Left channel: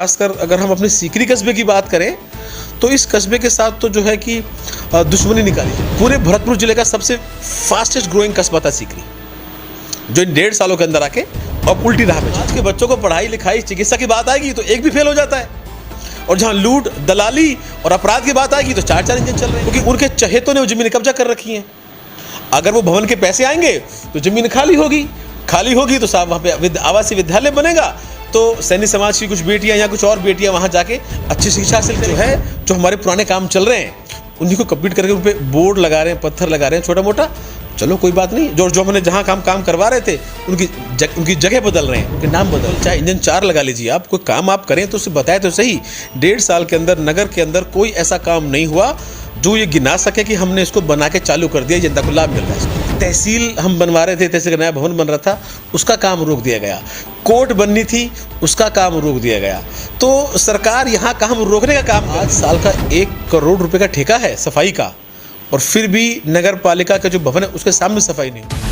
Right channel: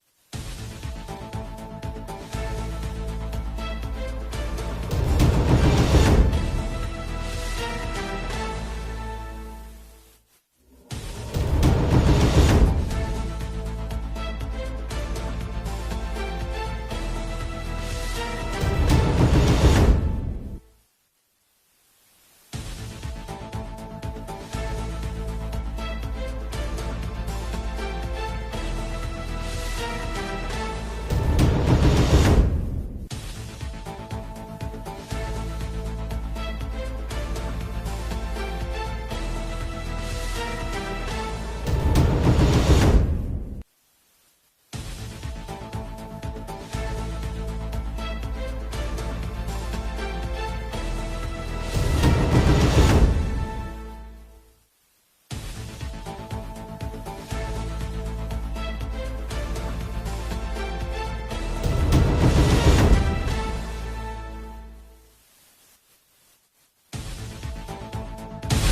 खासकर अगर हम अपने सीकरी कस्बे की बात करें तो इस कस्बे के साथ तो जो है कि दुश्मनी निकाली जाए। पूरे भरतपुर जिले का सबसे फास्टेस्ट ग्रोइंग कस्बा था सीकरी, जो इन 1.5 सालों के अंदर आके अब उल्टी राह में। आज के बच्चों को पढ़ाई लिखाई चिकित्सा की बात आएगी तो एक भी फेल हो जाता है, और जहां लूट दलाली और अपराध की बात आएगी तो 4-4 इंजन चल रहे हैं, क्योंकि उनके चहेतों ने वो जमीन कब्जा कर रखी है। अगर वो भवन के पैसे आएंगे तो जमीन खाली होगी तो साहब वहाँ पे आवासीय विद्यालय बनेगा, तो सैन्य समाज की कुछ बेटियां या कुछ और बेटियां वहां जाके अच्छी शिक्षा हासिल जो है, जो हमारे पुराने काम चल रहे हैं उन्हीं को कंप्लीट करके उन पे बोर्ड लगा रहे हैं, पत्थर लगा रहे हैं छोटा मोटा। चलो कोई बात नहीं, जो हमने जहां काम करवा रहे थे उनकी जगह बदल रहे हैं, उनके नाम बदल रहे हैं। चाहे इंजन 4 लगा लीजिए, आप कोई काम आप करें तो उसे बताए तो सही। 1.5 साल के अंदर नगर के अंदर कोई ऐसा काम नहीं हुआ जो ये गिना सके कि हमने इसको बना के चालू कर दिया, जनता को लाभ मिल रहा है। तहसील हम बनवा रहे थे, तहसील का नया भवन बन रहा था, उसका काम रोक दिया गया। कोर्ट बननी थी, उसका काम रोक दिया गया। तो सरकार यहाँ काम रोकने का काम, आज साल का 1 करोड़ रुपए का ठेका है सफाई का, और फिर भी नगर पालिका का जो भवन है उसके सामने सफाई नहीं हुई।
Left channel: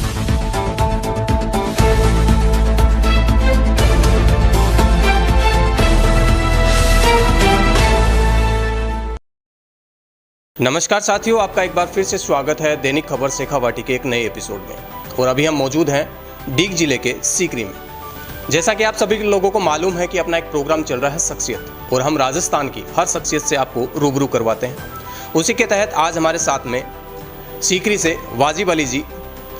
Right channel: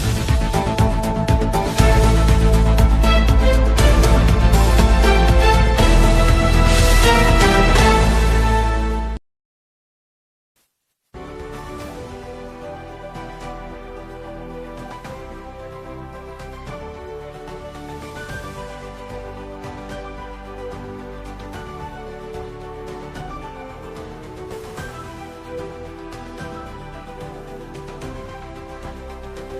नमस्कार साथियों, आपका एक बार फिर से स्वागत है दैनिक खबर शेखावाटी के एक नए एपिसोड में। और अभी हम मौजूद हैं डीग जिले के सीकरी में। जैसा कि आप सभी लोगों को मालूम है कि अपना एक प्रोग्राम चल रहा है शख्सियत, और हम राजस्थान की हर शख्सियत से आपको रूबरू करवाते हैं। उसी के तहत आज हमारे साथ में सीकरी से वाजिब अली जी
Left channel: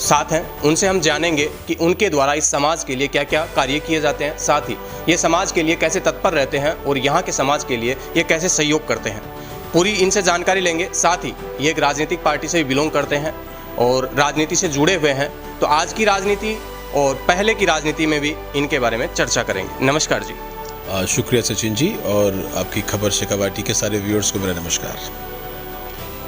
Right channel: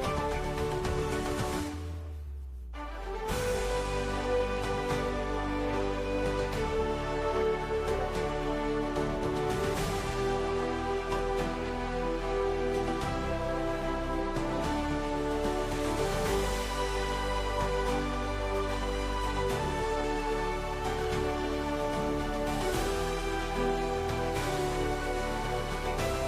साथ हैं। उनसे हम जानेंगे कि उनके द्वारा इस समाज के लिए क्या क्या कार्य किए जाते हैं, साथ ही ये समाज के लिए कैसे तत्पर रहते हैं और यहाँ के समाज के लिए ये कैसे सहयोग करते हैं। पूरी इनसे जानकारी लेंगे। साथ ही ये एक राजनीतिक पार्टी से बिलोंग करते हैं और राजनीति से जुड़े हुए हैं, तो आज की राजनीति और पहले की राजनीति में भी इनके बारे में चर्चा करेंगे। नमस्कार जी। शुक्रिया सचिन जी, और आपकी खबर शेखावाटी के सारे व्यूअर्स को मेरा नमस्कार।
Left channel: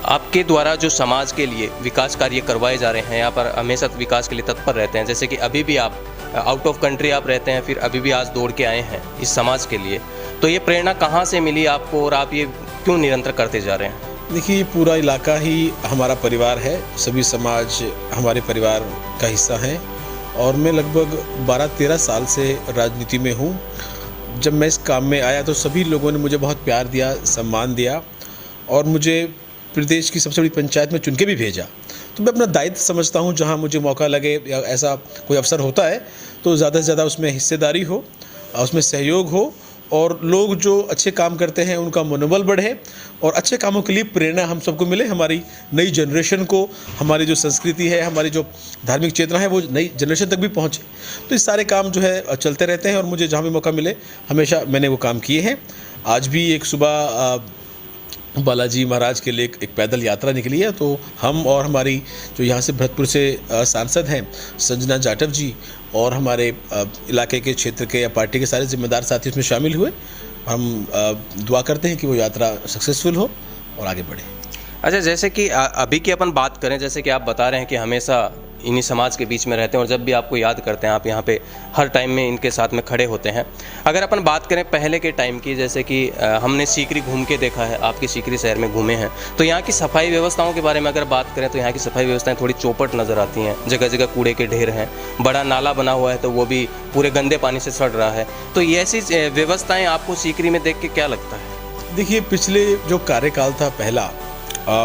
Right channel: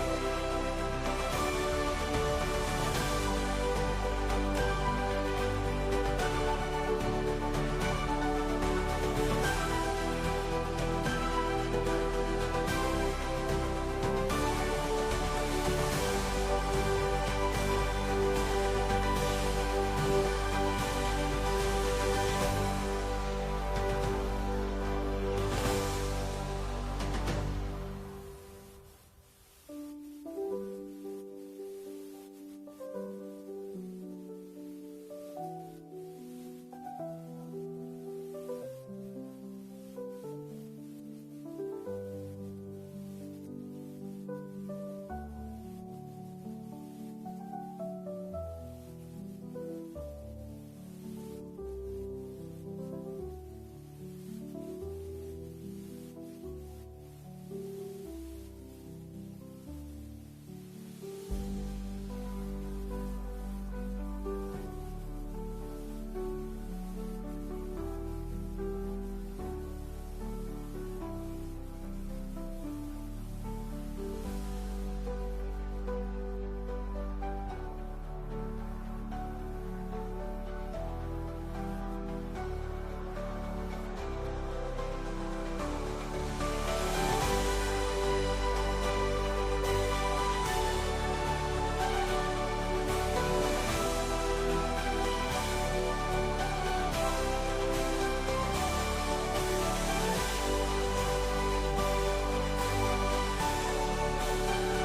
आपके द्वारा जो समाज के लिए विकास कार्य करवाए जा रहे हैं, यहाँ पर हमेशा विकास के लिए तत्पर रहते हैं। जैसे कि अभी भी आप आउट ऑफ कंट्री आप रहते हैं, फिर अभी भी आज दौड़ के आए हैं इस समाज के लिए, तो ये प्रेरणा कहाँ से मिली आपको और आप ये क्यों निरंतर करते जा रहे हैं? देखिए, पूरा इलाका ही हमारा परिवार है, सभी समाज हमारे परिवार का हिस्सा हैं, और मैं लगभग 12-13 साल से राजनीति में हूँ। जब मैं इस काम में आया तो सभी लोगों ने मुझे बहुत प्यार दिया, सम्मान दिया, और मुझे प्रदेश की सबसे बड़ी पंचायत में चुन के भी भेजा। तो मैं अपना दायित्व समझता हूँ, जहाँ मुझे मौका लगे या ऐसा कोई अवसर होता है तो ज़्यादा से ज़्यादा उसमें हिस्सेदारी हो, उसमें सहयोग हो, और लोग जो अच्छे काम करते हैं उनका मनोबल बढ़े, और अच्छे कामों के लिए प्रेरणा हम सबको मिले, हमारी नई जनरेशन को, हमारी जो संस्कृति है, हमारी जो धार्मिक चेतना है वो नई जनरेशन तक भी पहुँचे। तो इस सारे काम जो है चलते रहते हैं, और मुझे जहाँ भी मौका मिले हमेशा मैंने वो काम किए हैं। आज भी एक सुबह बालाजी महाराज के लिए एक पैदल यात्रा निकली है, तो हम और हमारी जो यहाँ से भरतपुर से सांसद हैं संजना जाटव जी, और हमारे इलाके के क्षेत्र के या पार्टी के सारे जिम्मेदार साथी उसमें शामिल हुए। हम दुआ करते हैं कि वो यात्रा सक्सेसफुल हो और आगे बढ़े। अच्छा, जैसे कि अभी की अपन बात करें, जैसे कि आप बता रहे हैं कि हमेशा इन्हीं समाज के बीच में रहते हैं, और जब भी आपको याद करते हैं आप यहाँ पे हर टाइम में इनके साथ में खड़े होते हैं। अगर अपन बात करें पहले के टाइम की, जैसे कि हमने सीकरी घूम के देखा है, आपके सीकरी शहर में घूमे हैं, तो यहाँ की सफाई व्यवस्थाओं के बारे में अगर बात करें तो यहाँ की सफाई व्यवस्थाएं थोड़ी चौपट नज़र आती हैं। जगह जगह कूड़े के ढेर हैं, बड़ा नाला बना हुआ है तो वो भी पूरे गंदे पानी से सड़ रहा है। तो ये ऐसी व्यवस्थाएँ आपको सीकरी में देख के क्या लगता है? देखिए, पिछले जो कार्यकाल था पहला,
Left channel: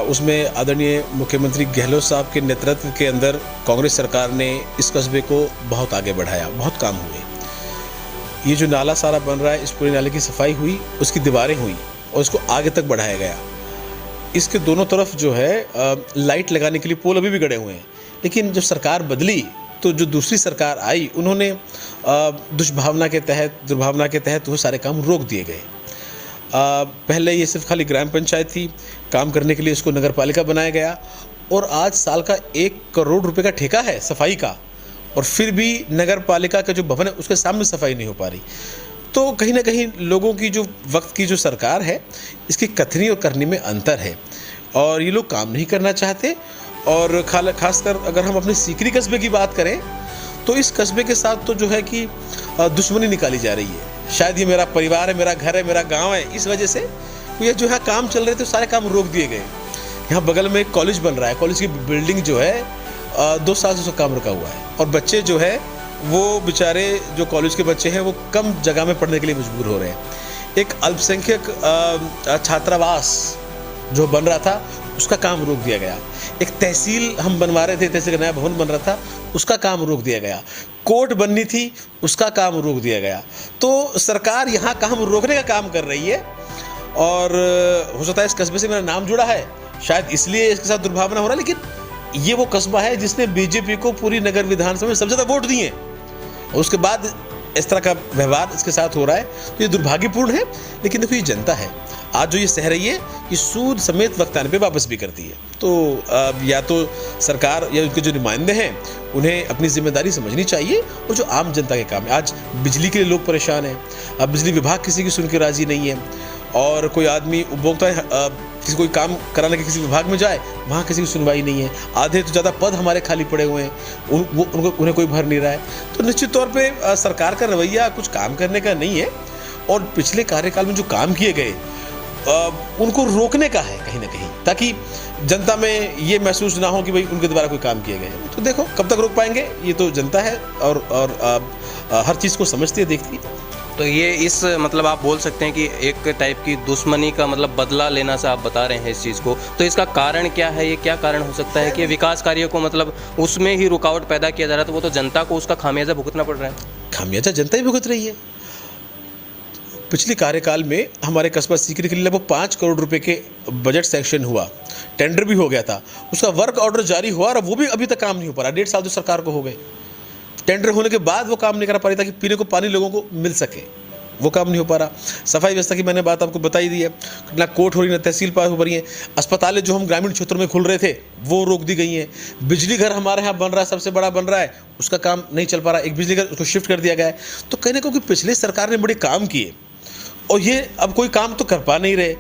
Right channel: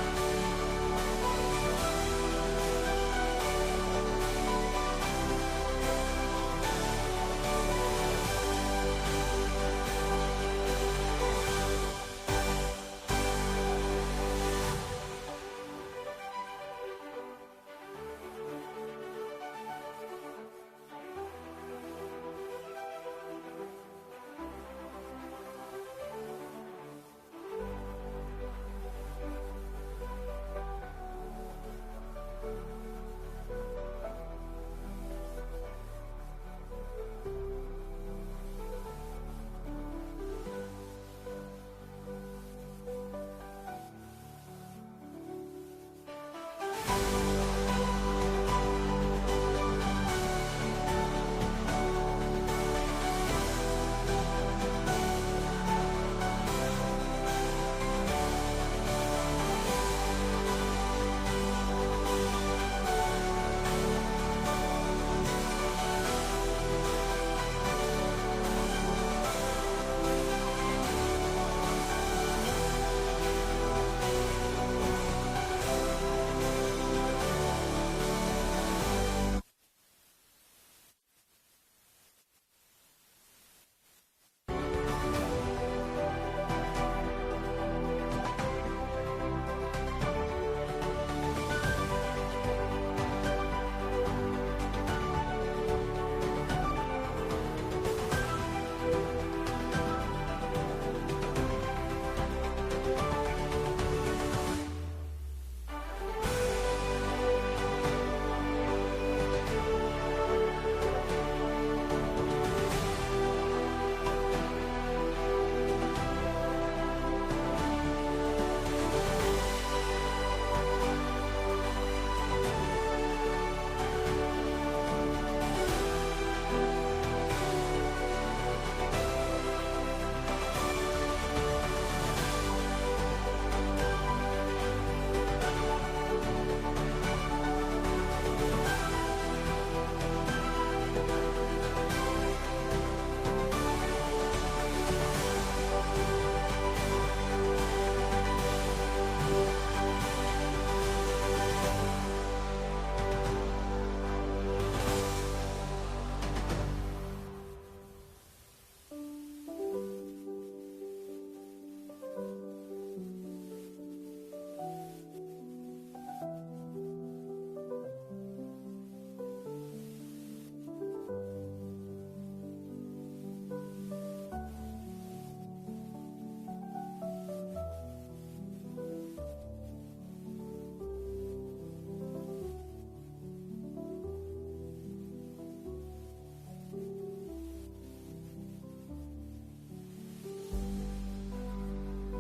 उसमें आदरणीय मुख्यमंत्री गहलोत साहब के नेतृत्व के अंदर कांग्रेस सरकार ने इस कस्बे को बहुत आगे बढ़ाया, बहुत काम हुए। ये जो नाला सारा बन रहा है, इस पूरे नाले की सफाई हुई, उसकी दीवारें हुई, और इसको आगे तक बढ़ाया गया। इसके दोनों तरफ जो है लाइट लगाने के लिए पोल अभी भी गड़े हुए हैं। लेकिन जब सरकार बदली तो जो दूसरी सरकार आई, उन्होंने दुर्भावना के तहत वो सारे काम रोक दिए गए। पहले ये सिर्फ खाली ग्राम पंचायत थी, काम करने के लिए इसको नगर पालिका बनाया गया, और आज साल का 1 करोड़ रुपए का ठेका है सफाई का, और फिर भी नगर पालिका का जो भवन है उसके सामने सफाई नहीं हो पा रही। तो कहीं ना कहीं लोगों की जो वक्त की जो सरकार है, इसकी कथनी और करनी में अंतर है, और ये लोग काम नहीं करना चाहते। और खासकर अगर हम अपने सीकरी कस्बे की बात करें तो इस कस्बे के साथ तो जो है कि दुश्मनी निकाली जा रही है। शायद ये मेरा परिवार है, मेरा घर है, मेरा गांव है, इस वजह से ये जो है काम चल रहे थे सारे काम रोक दिए गए। यहाँ बगल में एक कॉलेज बन रहा है, कॉलेज की बिल्डिंग जो है 2 साल से उसका काम रुका हुआ है, और बच्चे जो है वो बेचारे जो कॉलेज के बच्चे हैं वो कम जगह में पढ़ने के लिए मजबूर हो रहे हैं। एक अल्पसंख्यक छात्रावास जो बन रहा था उसका काम रोक दिया गया। एक तहसील हम बनवा रहे थे, तहसील का नया भवन बन रहा था, उसका काम रोक दिया गया। कोर्ट बननी थी, उसका काम रोक दिया गया। तो सरकार यहाँ काम रोकने का काम कर रही है और हो सकता है इस कस्बे से मेरा नाम जुड़ा है, शायद इसलिए इसके साथ दुर्भावना हो रहा है, लेकिन ये वो कस्बा है जिसने बीजेपी को पूरी नगर विधानसभा में सबसे ज़्यादा वोट दिए और उसके बाद इस तरह का व्यवहार इसके साथ हो रहा है। ये दुर्भाग्यपूर्ण है, लेकिन देखो ये जनता है आज जो ये सह रही है कि सूद समेत वक्त आने पे वापस भी करती है। तो या तो सरकार या उनके जो नुमाइंदे हैं उन्हें अपनी जिम्मेदारी समझनी चाहिए और जो आम जनता के काम है। आज बिजली के लिए लोग परेशान हैं, अब बिजली विभाग किसी की सुन के राजी नहीं है और कोई आदमी उपभोक्ता किसी कोई काम कराने के किसी विभाग में जाए वहाँ किसी की सुनवाई नहीं है। आधे तो ज़्यादा पद हमारे खाली पड़े हुए हैं, उन्हें कोई भर नहीं रहा है। तो निश्चित तौर पे सरकार का रवैया कुछ काम करने का नहीं है और पिछले कार्यकाल में जो काम किए गए उनको रोकने का है कहीं ना कहीं, ताकि जनता में ये महसूस ना हो कि भाई उनके द्वारा कोई काम किए गए। तो देखो कब तक रोक पाएंगे, ये तो जनता है और हर चीज़ को समझती है, देखती है। तो ये इस मतलब आप बोल सकते हैं कि एक टाइप की दुश्मनी का मतलब बदला लेना सा आप बता रहे हैं इस चीज़ को। तो इसका कारण क्या है, ये क्या कारण हो सकता है कि विकास कार्यों को मतलब उसमें ही रुकावट पैदा किया जा रहा है, तो वो तो जनता को उसका खामियाजा भुगतना पड़ रहा है। खामियाजा जनता ही भुगत रही है। पिछले कार्यकाल में हमारे कस्बा सीकरी के लिए लगभग 5 करोड़ रुपए के बजट सैंक्शन हुआ, टेंडर भी हो गया था, उसका वर्क ऑर्डर जारी हुआ और वो भी अभी तक काम नहीं हो पा रहा। 1.5 साल तो सरकार को हो गए, टेंडर होने के बाद वो काम नहीं करा पा रही ताकि पीने को पानी लोगों को मिल सके, वो काम नहीं हो पा रहा। सफाई व्यवस्था की मैंने बात आपको बताई दी है, ना कोर्ट हो रही, ना तहसील पास हो रही है। अस्पतालें जो हम ग्रामीण क्षेत्रों में खुल रहे थे वो रोक दी गई हैं। बिजली घर हमारे यहाँ बन रहा है, सबसे बड़ा बन रहा है, उसका काम नहीं चल पा रहा। एक बिजली घर उसको शिफ्ट कर दिया गया है। तो कहने को कि पिछले सरकार ने बड़े काम किए और ये अब कोई काम तो कर पा नहीं रहे,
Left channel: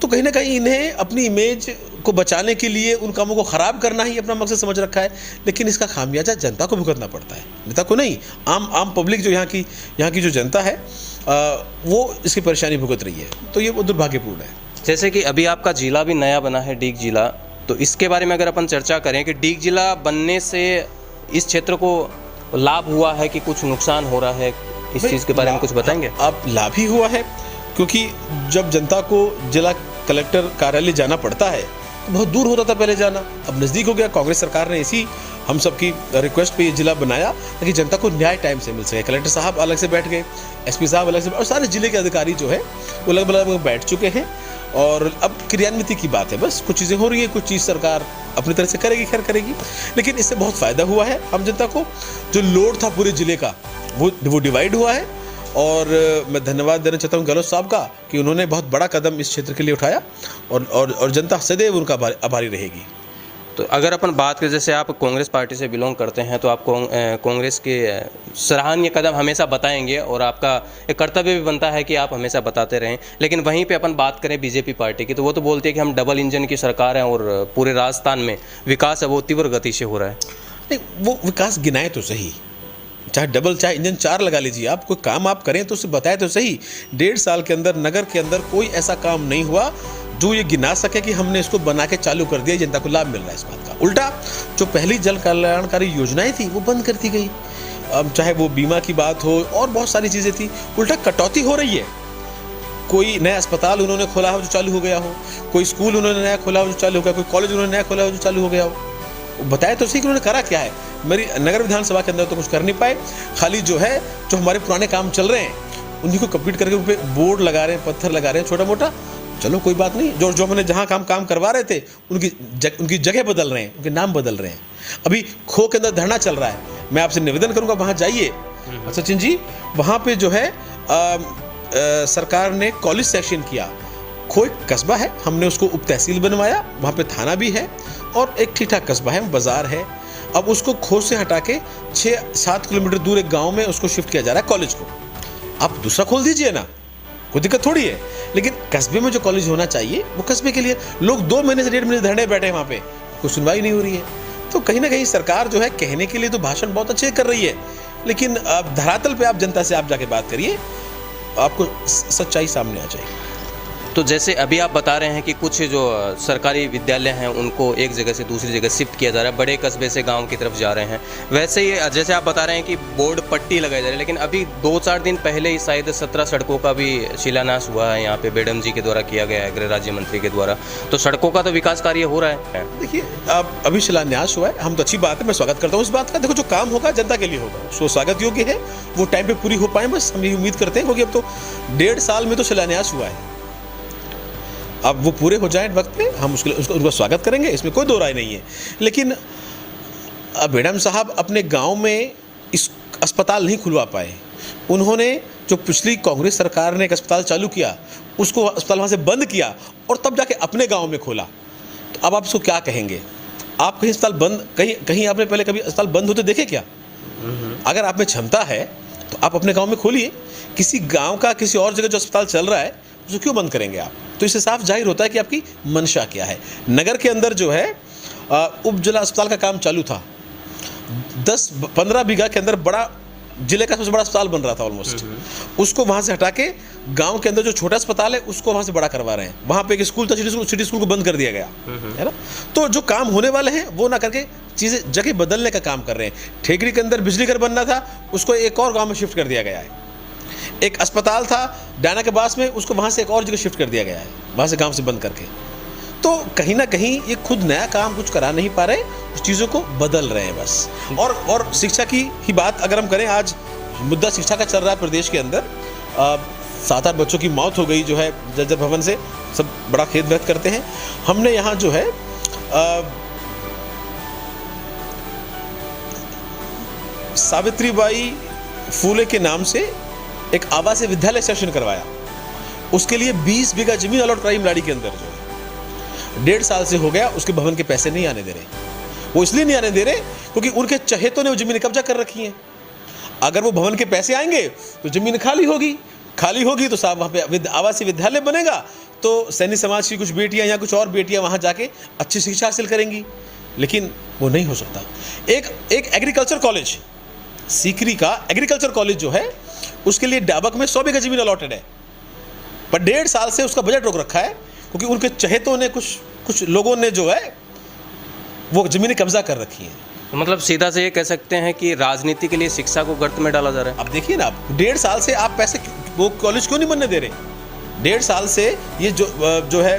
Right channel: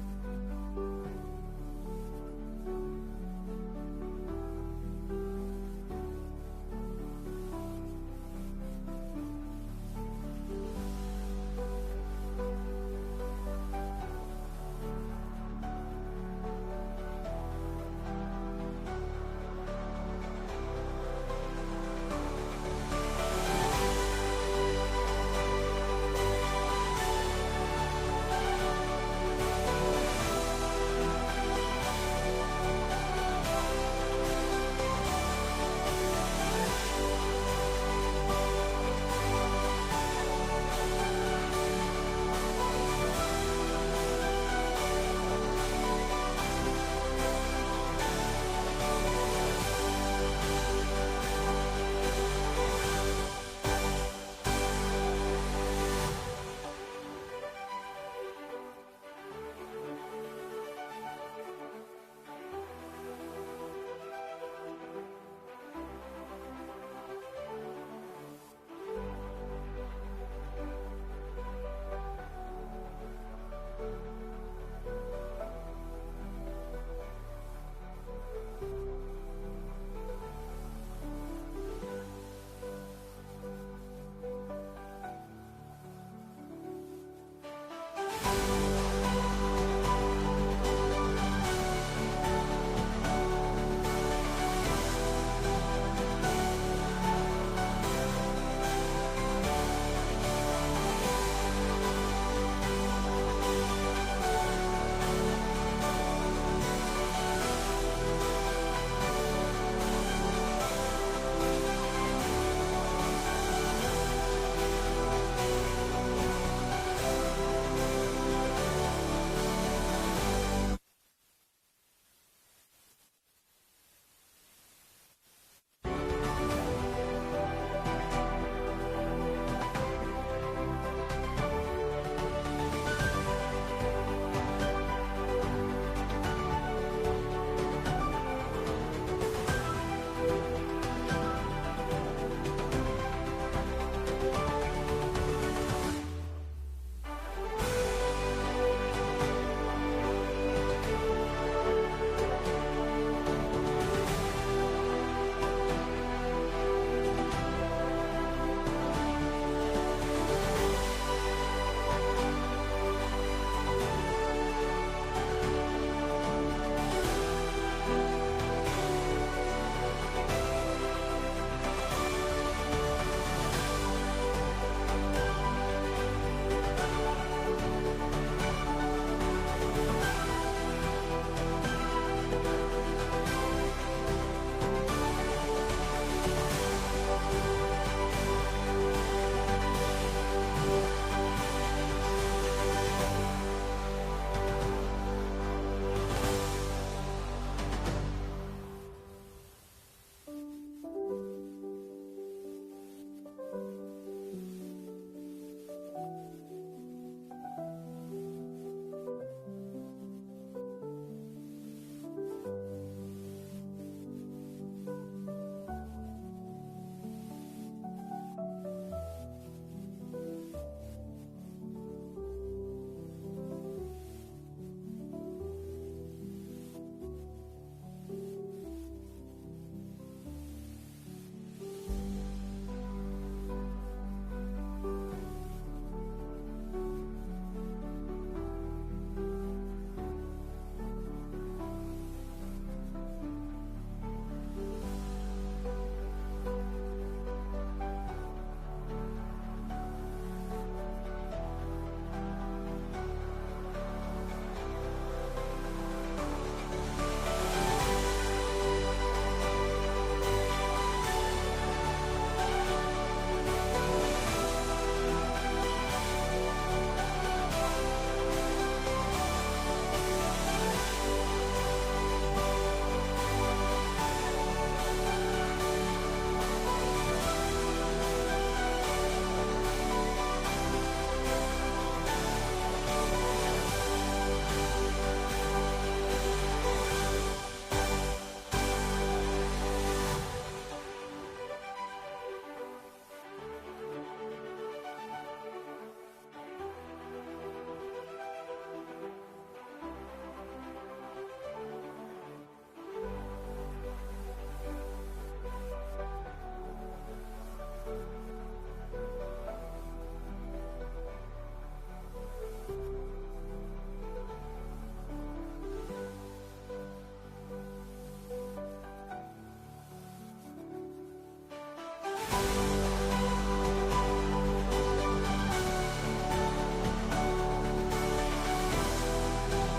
तो कहीं ना कहीं इन्हें अपनी इमेज को बचाने के लिए उन कामों को ख़राब करना ही अपना मकसद समझ रखा है। लेकिन इसका खामियाजा जनता को भुगतना पड़ता है, नेता को नहीं। आम पब्लिक जो यहाँ की जो जनता है वो इसकी परेशानी भुगत रही है, तो ये वो दुर्भाग्यपूर्ण है। जैसे कि अभी आपका जिला भी नया बना है, डीग जिला, तो इसके बारे में अगर अपन चर्चा करें कि डीग जिला बनने से इस क्षेत्र को लाभ हुआ है कि कुछ नुकसान हो रहा है, इस चीज़ के बारे में कुछ बताएंगे आप? लाभ ही हुआ है, क्योंकि जब जनता को जिला कलेक्टर कार्यालय जाना पड़ता है, बहुत दूर होता था पहले जाना, अब नज़दीक हो गया। कांग्रेस सरकार ने इसी हम सबकी रिक्वेस्ट पे ये जिला बनाया ताकि जनता को न्याय टाइम से मिल सके। कलेक्टर साहब अलग से बैठ गए, एसपी साहब अलग से, और सारे जिले के अधिकारी जो है वो लगभग बैठ चुके हैं और अब क्रियान्विति की बात है। बस कुछ चीज़ें हो रही है, कुछ चीज़ सरकार अपनी तरह से करेगी, खैर करेगी, लेकिन इससे बहुत फ़ायदा हुआ है आम जनता को। जो लोड था पूरे जिले का वो डिवाइड हुआ है और मैं धन्यवाद देना चाहता हूँ गहलोत साहब का कि उन्होंने बहुत बड़ा कदम इस क्षेत्र के लिए उठाया और जनता सदैव उनका आभारी रहेगी। तो अगर अपन बात करें, जैसे आप कांग्रेस पार्टी से बिलोंग करते हैं, तो आप कांग्रेस के सराहनीय कदम हमेशा बताएंगे और आपका एक कर्तव्य भी बनता है कि आप हमेशा बताते रहें। लेकिन वहीं पे अपन बात करें बीजेपी पार्टी की, तो वो तो बोलती है कि हम डबल इंजन की सरकार है और पूरे राजस्थान में विकास है वो तीव्र गति से हो रहा है। नहीं, वो विकास गिनाए तो सही, चाहे डबल चाहे इंजन 4 लगा लीजिए आप, कोई काम आप करें तो उसे बताए तो सही। 1.5 साल के अंदर नगर के अंदर कोई ऐसा काम नहीं हुआ जो ये गिना सके कि हमने इसको बना के चालू कर दिया, जनता को लाभ मिल रहा है इस बात का। उल्टा जो पहली जन कल्याणकारी योजनाएं थी वो बंद कर दी गई, चाहे वो बीमा की बात हो और बहुत सारी चीज़ें थी, उल्टा कटौती हो रही है। कोई नया अस्पताल उन्होंने खोला हो जो चालू हो गया हो, कोई स्कूल उन्होंने नया खोला हो जो चालू हो गया, कोई कॉलेज उन्होंने नया खोला हो जो चालू हो गया हो। बताया तो सही कि उन्होंने करा क्या है। मेरी नगर विधानसभा के अंदर तो कुछ कर नहीं पाए, खाली जो है जो हमारे पुराने काम चल रहे हैं उन्हीं को कंप्लीट करके उन पे बोर्ड लगा रहे हैं, पत्थर लगा रहे हैं छोटा मोटा। चलो कोई बात नहीं, जो हमने जहाँ काम करवा रहे थे उनकी जगह बदल रहे हैं, उनके नाम बदल रहे हैं। अभी खो के अंदर धरना चल रहा है, मैं आपसे निवेदन करूँगा वहाँ जाइए सचिन जी, वहाँ पे जो है सरकार ने कॉलेज सेक्शन किया। खो एक कस्बा है, हमने उसको उप तहसील बनवाया, वहाँ पे थाना भी है और एक ठीक ठाक कस्बा है, बाजार है। अब उसको खो से हटा के 6-7 किलोमीटर दूर एक गांव में उसको शिफ्ट किया जा रहा है कॉलेज को। आप दूसरा खोल दीजिए ना, कोई दिक्कत थोड़ी है, लेकिन कस्बे में जो कॉलेज होना चाहिए वो कस्बे के लिए। लोग 2 महीने से 1.5 महीने धरने बैठे हैं वहाँ पे, कोई सुनवाई नहीं हो रही है। तो कहीं ना कहीं सरकार जो है कहने के लिए तो भाषण बहुत अच्छे कर रही है, लेकिन धरातल पे आप जनता से आप जाके बात करिए, आपको सच्चाई सामने आ जाएगी। तो जैसे अभी आप बता रहे हैं कि कुछ जो सरकारी विद्यालय हैं उनको एक जगह से दूसरी जगह शिफ्ट किया जा रहा है, बड़े कस्बे से गांव की तरफ जा रहे हैं। वैसे ही जैसे आप बता रहे हैं कि बोर्ड पट्टी लगाई जा रही है, लेकिन अभी 2-4 दिन पहले ही शायद 17 सड़कों का भी शिलान्यास हुआ है यहाँ पे बेडम जी के द्वारा किया गया है, गृह राज्य मंत्री के द्वारा। तो सड़कों का तो विकास कार्य हो रहा है। देखिए, अब अभी शिलान्यास हुआ है, हम तो अच्छी बात है, मैं स्वागत करता हूँ इस बात का। देखो, जो काम होगा जनता के लिए होगा, उसको स्वागत योग्य है, वो टाइम पे पूरी हो पाए, बस हम ये उम्मीद करते हैं। क्योंकि अब तो 1.5 साल में तो शिलान्यास हुआ है, अब वो पूरे हो जाए वक्त पे, हम उसका स्वागत करेंगे, इसमें कोई दो राय नहीं है। लेकिन अब बेडम साहब अपने गांव में इस अस्पताल नहीं खुलवा पाए। उन्होंने जो पिछली कांग्रेस सरकार ने एक अस्पताल चालू किया, उसको अस्पताल वहाँ से बंद किया और तब जाके अपने गांव में खोला। तो अब आप उसको क्या कहेंगे? आप कहीं अस्पताल बंद, कहीं आपने पहले कभी अस्पताल बंद होते देखे क्या? अगर आप में क्षमता है तो आप अपने गांव में खोलिए। किसी गांव का किसी और जगह जो अस्पताल चल रहा है उसको क्यों बंद करेंगे आप? तो इससे साफ जाहिर होता है कि आपकी मंशा क्या है। नगर के अंदर जो है उप जिला अस्पताल का काम चालू था, 10-15 बीघा के अंदर बड़ा, जिले का सबसे बड़ा अस्पताल बन रहा था ऑलमोस्ट। उसको वहां से हटा के गांव के अंदर जो छोटा अस्पताल है उसको वहां से बड़ा करवा रहे हैं। वहां पे एक स्कूल था, सिटी स्कूल को बंद कर दिया गया है ना। तो जो काम होने वाले हैं वो ना करके चीजें जगह बदलने का काम कर रहे हैं। ठेकरी के अंदर बिजली घर बनना था, उसको एक और गांव में शिफ्ट कर दिया गया है। एक अस्पताल था डायना के पास में, उसको वहां से एक और जगह शिफ्ट कर दिया गया है, वहां से गांव से बंद करके। तो कहीं ना कहीं ये खुद नया काम कुछ करा नहीं पा रहे, उस चीज़ों को बदल रहे हैं बस। और शिक्षा की ही बात अगर हम करें, आज मुद्दा शिक्षा का चल रहा है प्रदेश के अंदर। 7-8 बच्चों की मौत हो गई जो है जर्जर भवन से, सब बड़ा खेद व्यक्त करते हैं। हमने यहाँ जो है सावित्रीबाई फूले के नाम से एक आवासीय विद्यालय सेशन करवाया। उसके लिए 20 बीघा जमीन अलॉट कराई मलाड़ी के अंदर। 1.5 साल से हो गया, उसके भवन के पैसे नहीं आने दे रहे। वो इसलिए नहीं आने दे रहे क्योंकि उनके चहेतों ने वो जमीन कब्जा कर रखी है। अगर वो भवन के पैसे आएंगे तो जमीन खाली होगी तो साहब वहाँ पे आवासीय विद्यालय बनेगा, तो सैनी समाज की कुछ बेटियां या कुछ और बेटियां वहाँ जाके अच्छी शिक्षा हासिल करेंगी। लेकिन वो नहीं हो सकता। एक एग्रीकल्चर कॉलेज, सीकरी का एग्रीकल्चर कॉलेज जो है, उसके लिए डाबक में 100 बीघा जमीन अलॉटेड है, पर 1.5 साल से उसका बजट रोक रखा है क्योंकि उनके चहेतों ने, कुछ लोगों ने जो है वो जमीनें कब्जा कर रखी है। तो मतलब सीधा से ये कह सकते हैं कि राजनीति के लिए शिक्षा को गर्त में डाला जा रहा है। अब देखिए ना, 1.5 साल से आप पैसे वो कॉलेज क्यों नहीं बनने दे रहे? 1.5 साल से ये जो है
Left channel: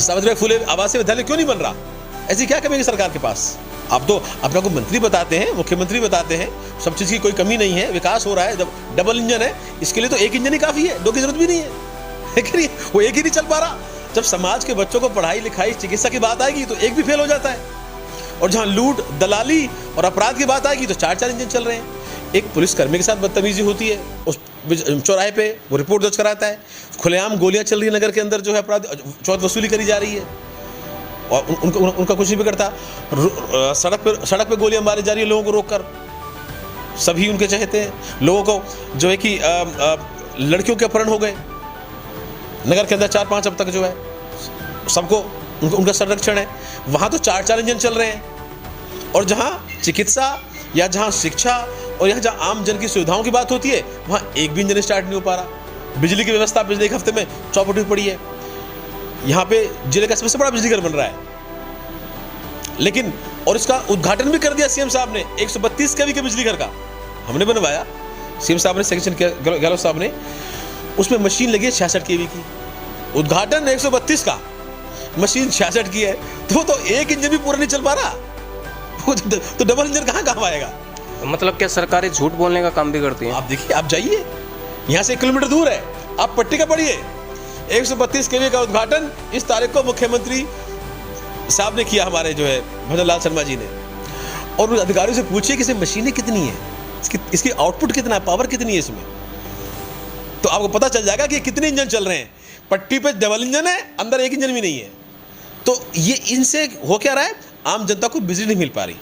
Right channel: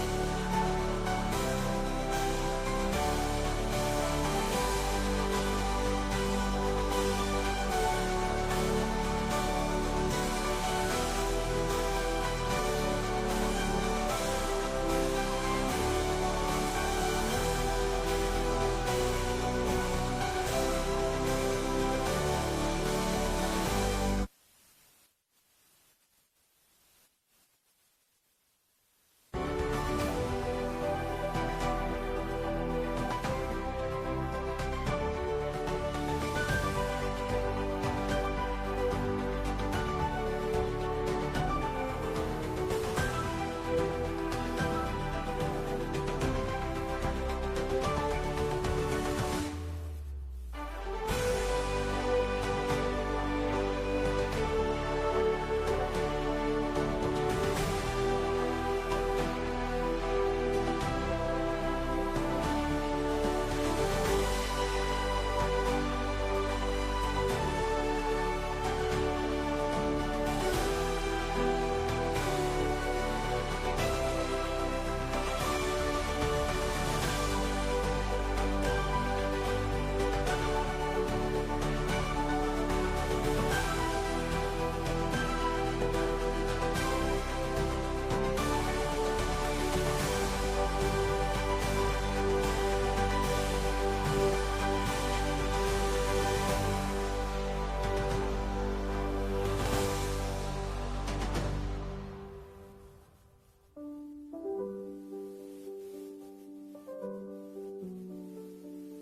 सावित्रीबाई फूले आवासीय विद्यालय क्यों नहीं बन रहा? ऐसी क्या कमी है सरकार के पास? आप तो अपना को मंत्री बताते हैं, मुख्यमंत्री बताते हैं, सब चीज़ की कोई कमी नहीं है, विकास हो रहा है, डबल इंजन है। इसके लिए तो एक इंजन ही काफ़ी है, 2 की जरूरत भी नहीं है। लेकिन वो एक ही नहीं चल पा रहा। जब समाज के बच्चों को पढ़ाई लिखाई चिकित्सा की बात आएगी तो एक भी फेल हो जाता है, और जहाँ लूट दलाली और अपराध की बात आएगी तो 4-4 इंजन चल रहे हैं। एक पुलिसकर्मी के साथ बदतमीजी होती है, उस चौराहे पे वो रिपोर्ट दर्ज कराता है, खुलेआम गोलियां चल रही है नगर के अंदर, जो है अपराध चौथ वसूली करी जा रही है और उनका कुछ नहीं बिगड़ता। सड़क पे गोलियां मारी जा रही है लोगों को रोककर, सभी उनके चाहते हैं। लोगों को जो है कि लड़कियों के अपहरण हो गए नगर के अंदर 4-5 अब तक जो है, सबको उनका संरक्षण है। वहाँ तो 4-4 इंजन चल रहे हैं, और जहाँ चिकित्सा या जहाँ शिक्षा और यहाँ जहाँ आम जन की सुविधाओं की बात होती है, वहाँ एक भी इंजन स्टार्ट नहीं हो पा रहा। बिजली की व्यवस्था पिछले 1 हफ्ते में चौपट हुई पड़ी है। यहाँ पे जिले का सबसे बड़ा बिजली घर बन रहा है, लेकिन और इसका उद्घाटन भी कर दिया सीएम साहब ने। 132 kV के बिजली घर का हमने बनवाया, सीएम साहब ने, सेक्शन गहलोत साहब ने। उसमें मशीन लगी है 66 kV की। उद्घाटन 132 का, मशीन 66 की है, तो एक इंजन भी पूरा नहीं चल पा रहा। तो डबल इंजन कहाँ आएगा? तो मतलब क्या सरकारें झूठ बोलने का काम भी करती हैं? आप देखिए, आप जाइए, यहाँ से 1 किलोमीटर दूर है, आप पट्टी का पढ़िए। 132 kV का उद्घाटन इस तारीख को मुख्यमंत्री साहब ने किया, हमारे जो है भजन लाल शर्मा जी ने। और उन अधिकारियों से पूछिए कि इसमें मशीनें कितनी है, इसकी आउटपुट कितना है, पावर कितनी है इसमें, तो आपको पता चल जाएगा कि कितने इंजन चल रहे हैं। पट्टी पे डबल इंजन है, अंदर एक इंजन भी नहीं है। तो ये इनसे हो क्या रहा है? आम जनता को बिजली नहीं मिल पा रही,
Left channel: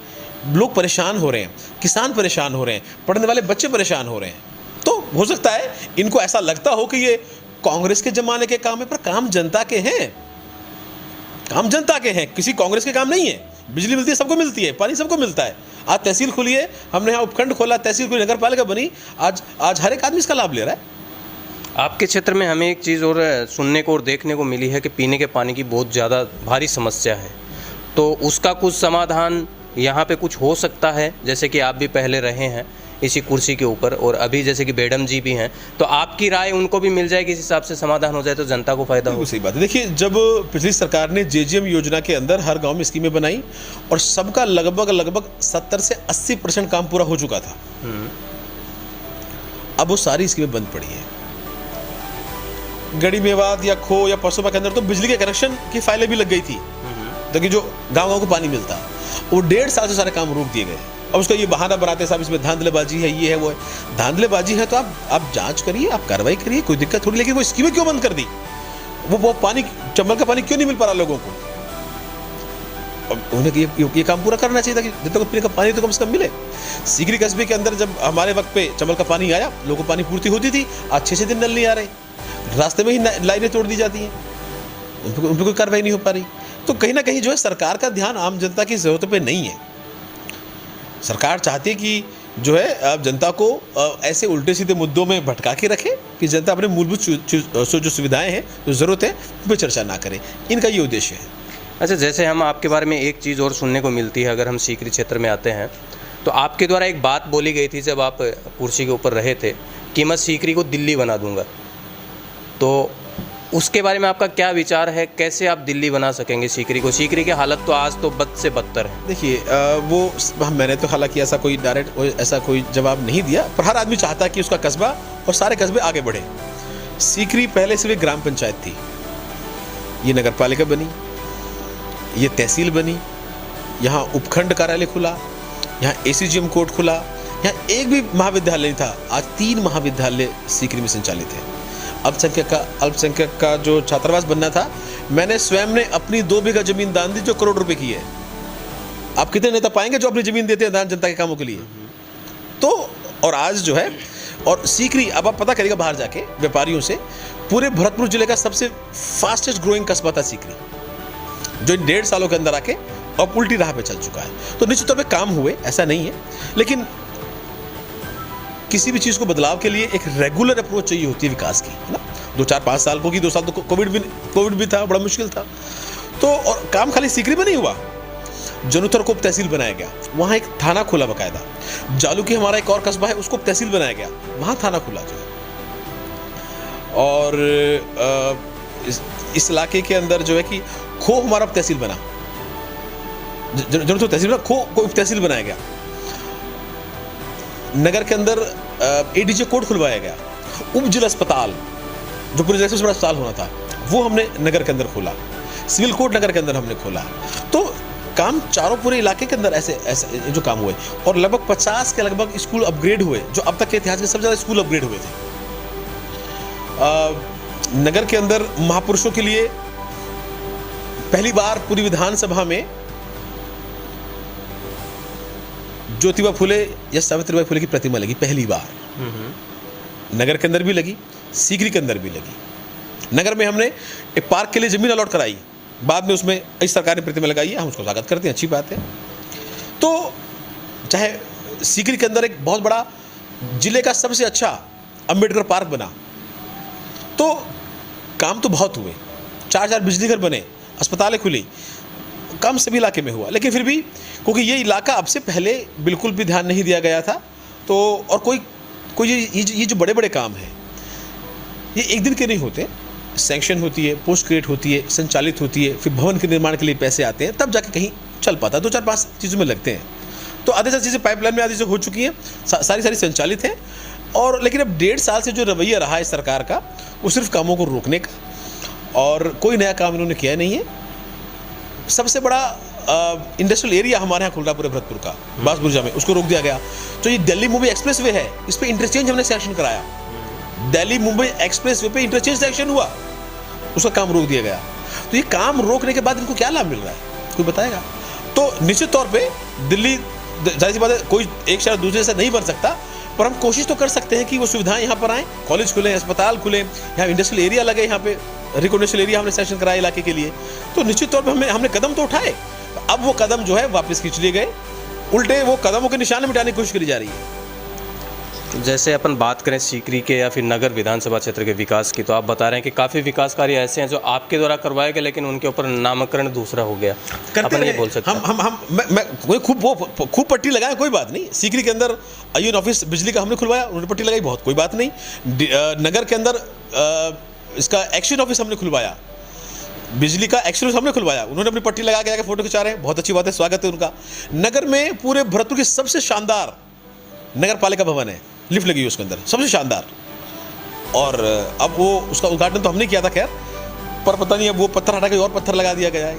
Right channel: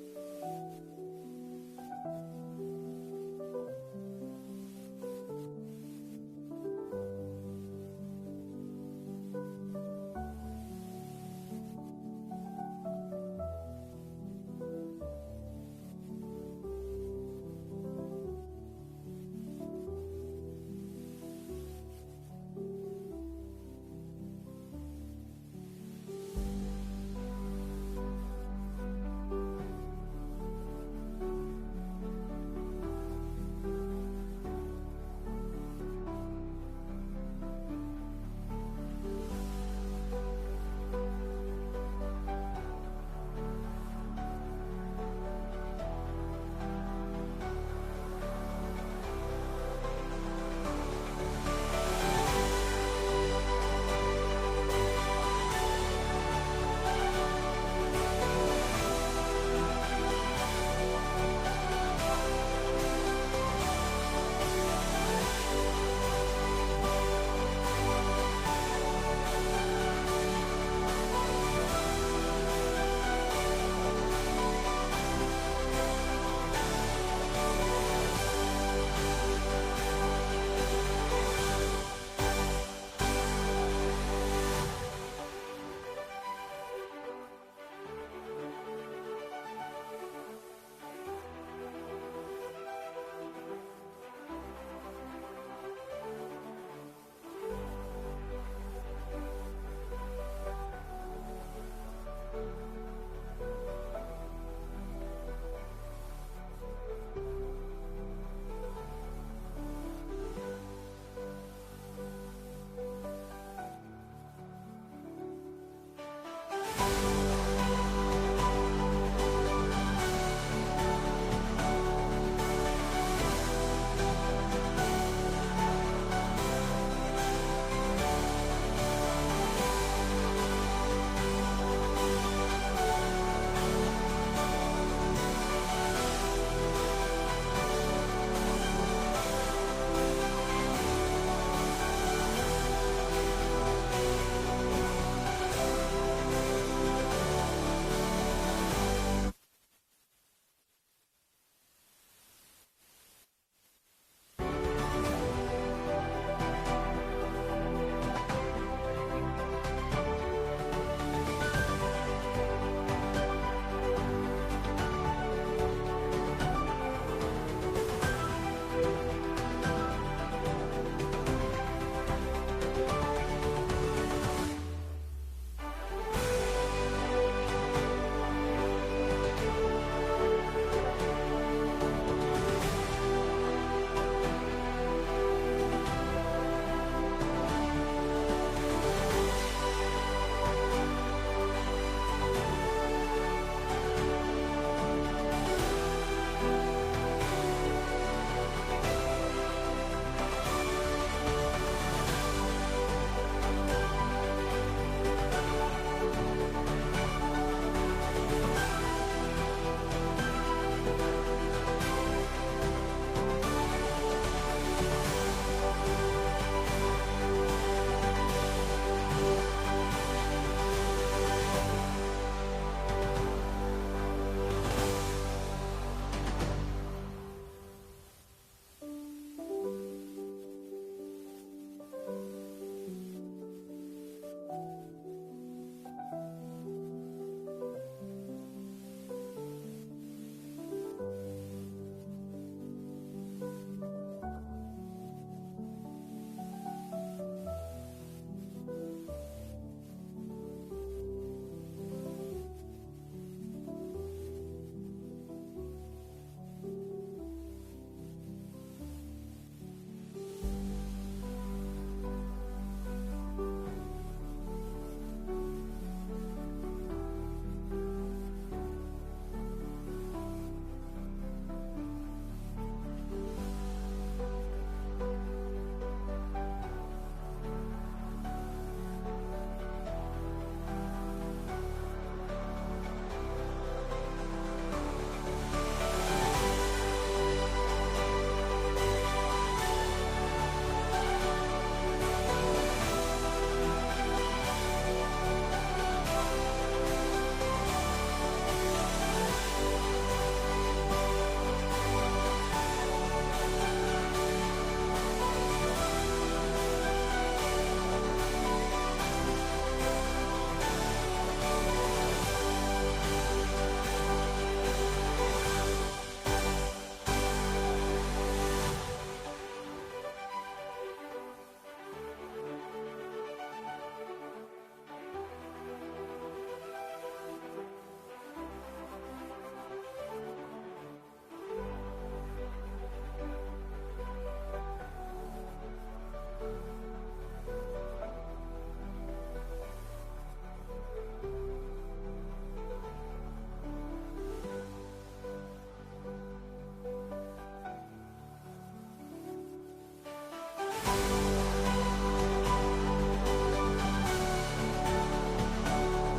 लोग परेशान हो रहे हैं, किसान परेशान हो रहे हैं, पढ़ने वाले बच्चे परेशान हो रहे हैं। तो हो सकता है इनको ऐसा लगता हो कि ये कांग्रेस के जमाने के काम है, पर काम जनता के हैं, काम जनता के हैं, किसी कांग्रेस के काम नहीं है। बिजली मिलती है, सबको मिलती है, पानी सबको मिलता है। आज तहसील खुली है, हमने यहाँ उपखंड खोला, तहसील खुली, नगर पालिका बनी, आज हर एक आदमी इसका लाभ ले रहा है। आपके क्षेत्र में हमें एक चीज़ और सुनने को और देखने को मिली है कि पीने के पानी की बहुत ज़्यादा भारी समस्या है, तो उसका कुछ समाधान यहाँ पे कुछ हो सकता है? जैसे कि आप भी पहले रहे हैं इसी कुर्सी के ऊपर और अभी जैसे कि बेडम जी भी हैं, तो आपकी राय उनको भी मिल जाए, किस हिसाब से समाधान हो जाए तो जनता को फायदा हो। बिल्कुल सही बात है। देखिए, जब पिछली सरकार ने जेजीएम योजना के अंदर हर गांव में स्कीमें बनाई और सबका लगभग 70 से 80% काम पूरा हो चुका था। अब वो सारी स्कीमें बंद पड़ी हैं। गढ़ी मेवात या खो या परसोबा के अंदर तो बिजली के कनेक्शन की फाइलें भी लग गई थी, ताकि जो गाँव को पानी मिलता है, वो 1.5 साल से सारे काम रोक दिए गए। अब उसका ये बहाना बनाते साहब इसमें धांधलेबाजी है, ये है वो है। धांधलेबाजी है तो आप जांच करिए, आप कार्रवाई करिए, कोई दिक्कत थोड़ी। लेकिन वो स्कीमें क्यों बंद कर दी? वो पानी, चंबल का पानी क्यों नहीं मिल पा रहा लोगों को? उन्हें ये काम पूरा करना चाहिए था कि जब तक पीने का पानी तो कम से कम मिले। सीकरी कस्बे के अंदर जब हमारे वक्त पे चंबल का पानी आया, लोगों को पानी पूर्ति होती थी। आज 6 दिन नल नहीं आ रहे, रास्ते में ही लाइनें तोड़ दी जाती हैं, उन पर कोई कार्रवाई नहीं हो पा रही। तो कहीं ना कहीं जो है सरकार का ध्यान आम जनता की जरूरतों पे नहीं है। सरकार चाहती है कि जो है अब जनता को ऐसे उल्टे सीधे मुद्दों में भटका के रखे कि जनता अपने मूलभूत जो सुविधाएं हैं, जो ज़रूरत है, उन पर चर्चा ना करे। इनका ये उद्देश्य है। अच्छा, जैसे हम आपके बारे में एक चीज़ और सुनने को मिलती है, अगर हम सीकरी क्षेत्र में आते हैं तो आपके द्वारा एक बात बोली गई थी जब आप कुर्सी के ऊपर रहे थे कि मैं सीकरी को दिल्ली बना दूंगा। तो उसके बारे में आपका क्या विचार है? कैसे आप दिल्ली बना सकेंगे सीकरी को? सीकरी की हालत तो आज तो बद से बदतर है। देखिए, वो मैंने तो हालांकि ऐसा कोई डायरेक्ट ऐसा कोई जवाब नहीं दिया, पर हर आदमी चाहता है कि उसका कस्बा और सारे कस्बे आगे बढ़े। सीकरी पहले सिर्फ एक ग्राम पंचायत थी, ये नगर पालिका बनी, ये तहसील बनी, यहाँ उपखंड कार्यालय खुला, यहाँ एसीजीएम कोर्ट खुला, यहाँ एक भी महाविद्यालय नहीं था। आज 3 महाविद्यालय सीकरी में संचालित है। अल्पसंख्यक का जो छात्रावास बनना था, मैंने स्वयं ने अपनी 2 बीघा जमीन दान दी, जो करोड़ रुपए की है। आप कितने नेता पाएंगे जो अपनी जमीन देते हैं दान जनता के कामों के लिए? तो और आज जो है, और सीकरी, अब आप पता करिएगा बाहर जाके व्यापारियों से, पूरे भरतपुर जिले का सबसे फास्टेस्ट ग्रोइंग कस्बा था सीकरी, जो 1.5 सालों के अंदर आके अब उल्टी राह पे चल चुका है। तो निश्चित तौर पे काम हुए, ऐसा नहीं है, लेकिन किसी भी चीज को बदलाव के लिए एक रेगुलर अप्रोच चाहिए होती है विकास की, है ना। 2, 4, 5 साल को की, 2 साल तो कोविड भी था, बड़ा मुश्किल था। तो और काम खाली सीकरी में नहीं हुआ, जनुथर को तहसील बनाया गया, वहां एक थाना खुला बकायदा। जालूकी हमारा एक और कस्बा है, उसको तहसील बनाया गया, वहां थाना खुला गया। और इस इलाके के अंदर जो है कि खो हमारा तहसील बना, जनुथर तहसील बना, खो को तहसील बनाया गया। नगर के अंदर एडीजे कोर्ट खुलवाया गया। उप जिला अस्पताल, जो पूरे सबसे बड़ा अस्पताल होना था, वो हमने नगर के अंदर खोला। सिविल कोर्ट नगर के अंदर हमने खोला। तो काम चारों पूरे इलाके के अंदर ऐसे जो काम हुए, और लगभग 50 के लगभग स्कूल अपग्रेड हुए, जो अब तक के इतिहास में सबसे ज्यादा स्कूल अपग्रेड हुए थे। नगर के अंदर महापुरुषों के लिए पहली बार पूरी विधानसभा में ज्योतिबा फुले या सावित्रीबाई फुले की प्रतिमा लगी, पहली बार। नगर के अंदर भी लगी, सीकरी के अंदर भी लगी। नगर में हमने एक पार्क के लिए जमीन अलॉट कराई, बाद में उसमें इस सरकार ने प्रतिमा लगाई है, हम उसको स्वागत करते हैं, अच्छी बात है। तो चाहे सीकरी के अंदर एक बहुत बड़ा जिले का सबसे अच्छा अंबेडकर पार्क बना, तो काम तो बहुत हुए। 4 बिजली घर बने, अस्पतालें खुली, काम सभी इलाके में हुआ। लेकिन फिर भी क्योंकि ये इलाका अब से पहले बिल्कुल भी ध्यान नहीं दिया गया था, तो और कोई ये जो बड़े बड़े काम हैं, ये एक दिन के नहीं होते। सैंक्शन होती है, पोस्ट क्रिएट होती है, संचालित होती है, फिर भवन के निर्माण के लिए पैसे आते हैं, तब जाके कहीं चल पाता है। 2, 4, 5 चीज़ों में लगते हैं। तो आधे सारी चीज़ें पाइपलाइन में आधी से हो चुकी हैं, सारी संचालित हैं। और लेकिन अब 1.5 साल से जो रवैया रहा है सरकार का, वो सिर्फ कामों को रोकने का, और कोई नया काम इन्होंने किया नहीं है। सबसे बड़ा इंडस्ट्रियल एरिया हमारे यहाँ खुल रहा पूरे भरतपुर का, बासपुरजा में, उसको रोक दिया गया। तो ये दिल्ली मुंबई एक्सप्रेस वे है, इस पर इंटरचेंज हमने सैंक्शन कराया। दिल्ली मुंबई एक्सप्रेस वे पे इंटरचेंज सैंक्शन हुआ, उसका काम रोक दिया गया। तो ये काम रोकने के बाद इनको क्या लाभ मिल रहा है, कोई बताएगा? तो निश्चित तौर पे दिल्ली, जाहिर सी बात है, कोई एक शहर दूसरे से नहीं बन सकता, पर हम कोशिश तो कर सकते हैं कि वो सुविधाएं यहाँ पर आएँ, कॉलेज खुले, अस्पताल खुले, यहाँ इंडस्ट्रियल एरिया लगे, यहाँ पे रिकॉग्निशन एरिया हमने सैंक्शन कराया इलाके के लिए। तो निश्चित तौर पर हमने कदम तो उठाए, अब वो कदम जो है वापस खींच लिए गए, उल्टे वो कदमों के निशान मिटाने की कोशिश करी जा रही है। जैसे अपन बात करें सीकरी के या फिर नगर विधानसभा क्षेत्र के विकास की, तो आप बता रहे हैं कि काफ़ी विकास कार्य ऐसे हैं जो आपके द्वारा करवाए गए लेकिन उनके ऊपर नामकरण दूसरा हो गया। करते अपन ये रहे। बोल सकते हैं। मैं कोई खूब पट्टी लगाए कोई बात नहीं। सीकरी के अंदर आईएन ऑफिस बिजली का हमने खुलवाया, उन्होंने पट्टी लगाई, बहुत कोई बात नहीं। नगर के अंदर इसका एक्शन ऑफिस हमने खुलवाया, बिजली का एक्शन ऑफिस हमने खुलवाया, उन्होंने अपनी पट्टी लगा के आके फोटो खिंचा रहे हैं, बहुत अच्छी बात है, स्वागत है उनका। नगर में पूरे भरतपुर की सबसे शानदार नगर पालिका भवन है, लिफ्ट लगी हुई उसके अंदर, सबसे शानदार। और अब वो उसका उद्घाटन तो हमने किया था खैर, पर पता नहीं अब वो पत्थर हटा के और पत्थर लगा दिया गया है।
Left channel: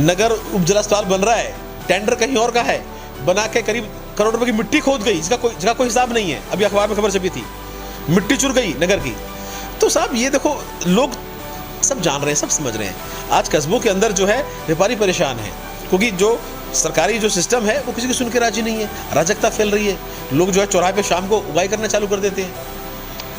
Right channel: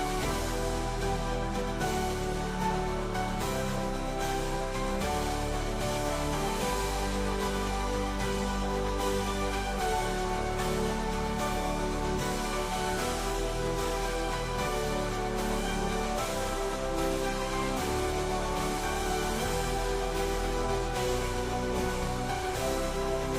नगर उपजल अस्पताल बन रहा है, टेंडर कहीं और का है, बना के करीब करोड़ रुपए की मिट्टी खोद गई, जिसका कोई हिसाब नहीं है। अभी अखबार में खबर छपी थी, मिट्टी चुर गई नगर की। तो साहब ये देखो, लोग सब जान रहे हैं, सब समझ रहे हैं। आज कस्बों के अंदर जो है व्यापारी परेशान है, क्योंकि जो सरकारी जो सिस्टम है वो किसी की सुन के राजी नहीं है, अराजकता फैल रही है। लोग जो है चौराहे पे शाम को उगाई करना चालू कर देते हैं।